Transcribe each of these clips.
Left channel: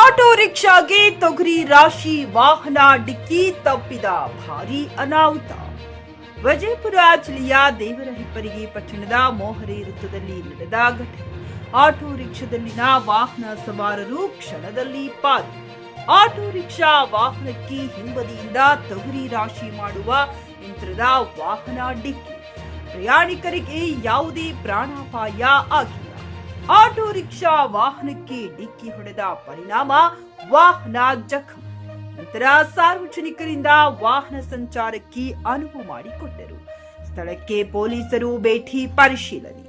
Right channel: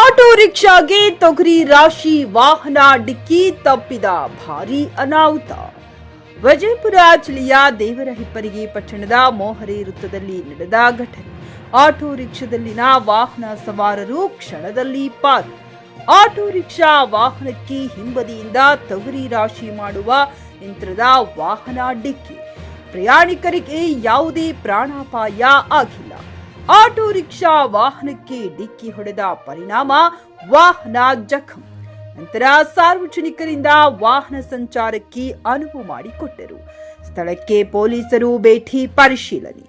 Auto ರಿಕ್ಷಾಗೆ ತೊಗರಿ ರಾಶಿ ವಾಹನ ಡಿಕ್ಕಿ ತಪ್ಪಿದ ಭಾರೀ ಅನಾಹುತ. ವಿಜಯಪುರ ಜಿಲ್ಲೆಯ ದೇವರಹಿಪ್ಪರಗಿ ಪಟ್ಟಣದ ಮೋಹರಿ ವೃತ್ತದಲ್ಲಿ ನಡೆದ ಘಟನೆ. ಆಟೋ ರಿಕ್ಷಾದಲ್ಲಿನ ವಾಹನ ಸವಾರರು ಕ್ಷಣದಲ್ಲಿ ಪಾರು. ಆಟೋ ರಿಕ್ಷಾ ವಾಹನಕ್ಕೆ ಹಿಂಬದಿಯಿಂದ ತೊಗರಿ ರಾಶಿ ಮಾಡುವ ಯಂತ್ರದ ವಾಹನ ಡಿಕ್ಕಿ. ಪ್ರಯಾಣಿಕರಿಗೆ ಯಾವುದೇ ಪ್ರಾಣಾಪಾಯ ಆಗಿಲ್ಲ. ಆಟೋ ರಿಕ್ಷಾ ವಾಹನಕ್ಕೆ ಡಿಕ್ಕಿ ಹೊಡೆದ ಪರಿಣಾಮ ವಾಹನ ಜಖಂ. ನಂತರ ಸಾರ್ವಜನಿಕರಿಂದ ವಾಹನ ಸಂಚಾರಕ್ಕೆ ಅನುವು ಮಾಡಿಕೊಟ್ಟರು. ಸ್ಥಳಕ್ಕೆ ಪೊಲೀಸರು ಭೇಟಿ ಪರಿಶೀಲನೆ.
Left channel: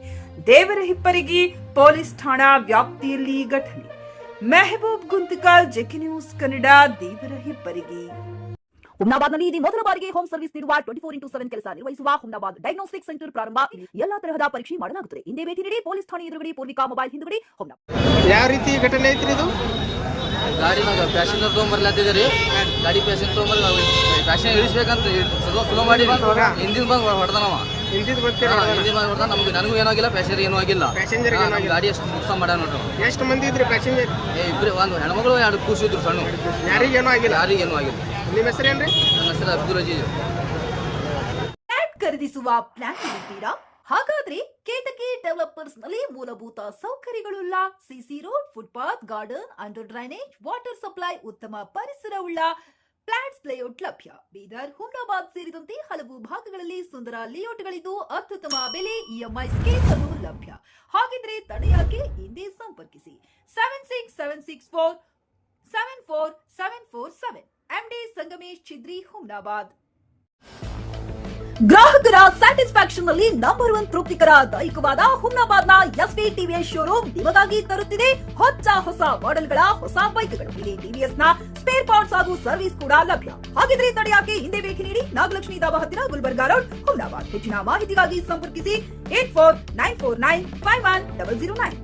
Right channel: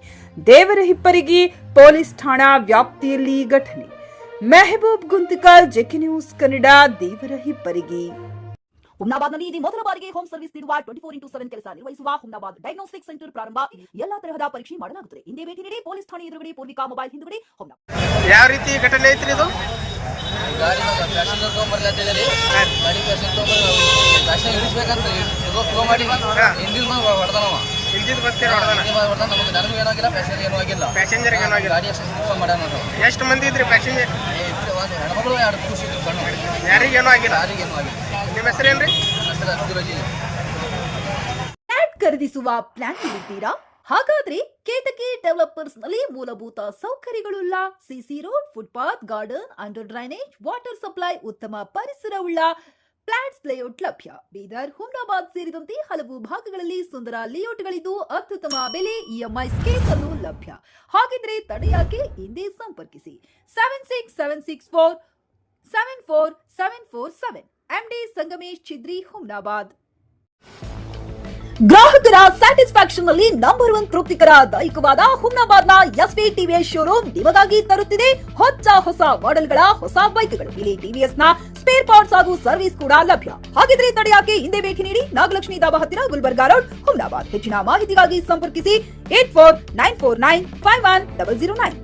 ದೇವರಹಿಪ್ಪರಗಿ ಪೊಲೀಸ್ ಠಾಣಾ ವ್ಯಾಪ್ತಿಯಲ್ಲಿ ಘಟನೆ. Mehboob Guntakal, JK news Kannada, Devarahipparagi. ಹುಮ್ನಾಬಾದ್ನಲ್ಲಿ ಇದು ಮೊದಲ ಬಾರಿಗೆ ಹೋಮ್ ಸರ್ವಿಸ್ ನೀಡುವ 24x7 ಕೆಲಸ ನಿರ್ವಹಿಸುವ ಹುಮ್ನಾಬಾದ್ ಡಯಾಗ್ನೋಸ್ಟಿಕ್ ಸೆಂಟರ್ ಪ್ರಾರಂಭ. ಎಲ್ಲಾ ತರಹದ ಪರೀಕ್ಷೆ ಮಾಡಲಾಗುತ್ತದೆ. ಹಿಂದೆ ಭೇಟಿ ನೀಡಿ. ಪೊಲೀಸ್ ಠಾಣೆ ಎದುರುಗಡೆ ಪೂರ್ವಿಕಾ ಮೊಬೈಲ್ ಹಿಂದುಗಡೆ ಹುಮ್ನಾಬಾದ್. ಯಾವ ರೀತಿ ಘಟನೆ ಐತ್ರಿ ಇದು? ಗಾಡಿನಾಗ ಪ್ಯಾಸೆಂಜರ್ ತೊಗೊಂಬರ್ಲತ್ತಿದ್ರಿ. ಗಾಡಿ ಪ್ಯಾಸೆಂಜರ್ ತೊಗೊಂಬರ್ ಪ್ಯಾಸೆಂಜರ್ ಇಳಿಸ್ಬೇಕಂತ ಸ್ಲೋ ಮಾಡೀನಿ. ಹಿಂದಿನ ಬಂದು ಹೊಡೆದನವ. ಹಿಂದಿನ ಬಂದು ಹೊಡೆದ. ನನಗೂ ಏನೂ ಆಗಿಲ್ಲ, ಪ್ಯಾಸೆಂಜರ್ ಏನೂ ಆಗಿಲ್ಲ. ಪ್ಯಾಸೆಂಜರ್ ಗಾಡಿ ಅಷ್ಟು ನುಕ್ಸಾನ್ ಮಾಡ್ಯಾನ ನೋಡ್ರಿ. ಎಷ್ಟು ಮಂದಿ ಇದ್ರಿ ಪ್ಯಾಸೆಂಜರ್? ಇಬ್ರು, ಒಂದು ಹೆಣ್ಮಗಳು, 2 ಕೂಸಿದ್ರು ಸಣ್ಣ. ಯಾರಿಗೇನೂ ಆಗಿಲ್ಲ? ಯಾರಿಗೇನೂ ಆಗಿಲ್ಲ. ನಿಮ್ಮ ಹೆಸರೇನ್ರಿ? ನನ್ನ ಹೆಸರು ಅಬ್ದುಲ್ ಅಜೀಜ್. ಫ್ಲಾಟ್ ಖರೀದಿಸುವ ಪ್ಲಾನ್ ಇರುತ್ತೀರಾ? ಹಾಗಾದ್ರೆ ಕೇತಕಿ ಡೆವಲಪರ್ಸ್ ನಲ್ಲಿ ಮೂಲಭೂತ ಸೌಕರ್ಯಗಳುಳ್ಳ CC road, footpath, garden, under drainage, water supply, ಉತ್ತಮ ಪರಿಸರವುಳ್ಳ ಫ್ಲಾಟ್ಸ್ ಲೇಔಟ್ ಲಭ್ಯ. ಬೀದರ್, ಹುಮ್ನಾಬಾದ್ ಸೇರಿದಂತೆ ಹಲವು ಭಾಗಗಳಲ್ಲಿ ಸುಂದರ ಲೇಔಟ್ಗಳಿದ್ದು ಅತ್ಯುತ್ತಮ ಬೆಲೆ, ಇಎಂಐ ಸ್ಕೀಮ್ ಅನ್ನು ಲಭ್ಯ. ಹಾಗಿದ್ರೆ ತಡೆಯಾಕೆ? ಹಿಂದೆ ಸಂಪರ್ಕಿಸಿ 7676474747. MD ಸಂಗಮೇಶ್ ಚಿದ್ರಿ, ಹುಮ್ನಾಬಾದ್. ಗ್ರಾಹಕರ ಸ್ಯಾಟಿಸ್ಫ್ಯಾಕ್ಷನ್ ನಲ್ಲಿ ನಂಬರ್ 1 ತೃಪ್ತಿಕರ ದಾಯಕವಾದ ಹುಮ್ನಾಬಾದ್ನ ಎಸ್ವಿ ಟಿವಿಎಸ್ ಶೋರೂಮ್ ನಿಮಗಾಗಿ ತರುತ್ತಿದೆ ಹೊಸ ಮಾಡೆಲ್ಗಳ ಹೊಸ ಬೈಕ್ಗಳು. ಇಲ್ಲಿ ಟಿವಿಎಸ್ ನ ಸ್ಪೇರ್ ಪಾರ್ಟ್ಸ್ ಹಾಗೂ ಸರ್ವಿಸ್ ಕೂಡ ಲಭ್ಯ. ಹಾಗಿದ್ರೆ ತಡೆಯಾಕೆ? ಹಿಂದೆ ಭೇಟಿ ನೀಡಿ. ನಾಗಲಕ್ಷ್ಮಿ ಧಾಬಾ ಹತ್ತಿರ, ಗುಲ್ಬರ್ಗಾ ರೋಡ್, ಹುಮ್ನಾಬಾದ್. ಹೆಚ್ಚಿನ ಮಾಹಿತಿಗಾಗಿ ಸಂಪರ್ಕಿಸಿ 8494951009.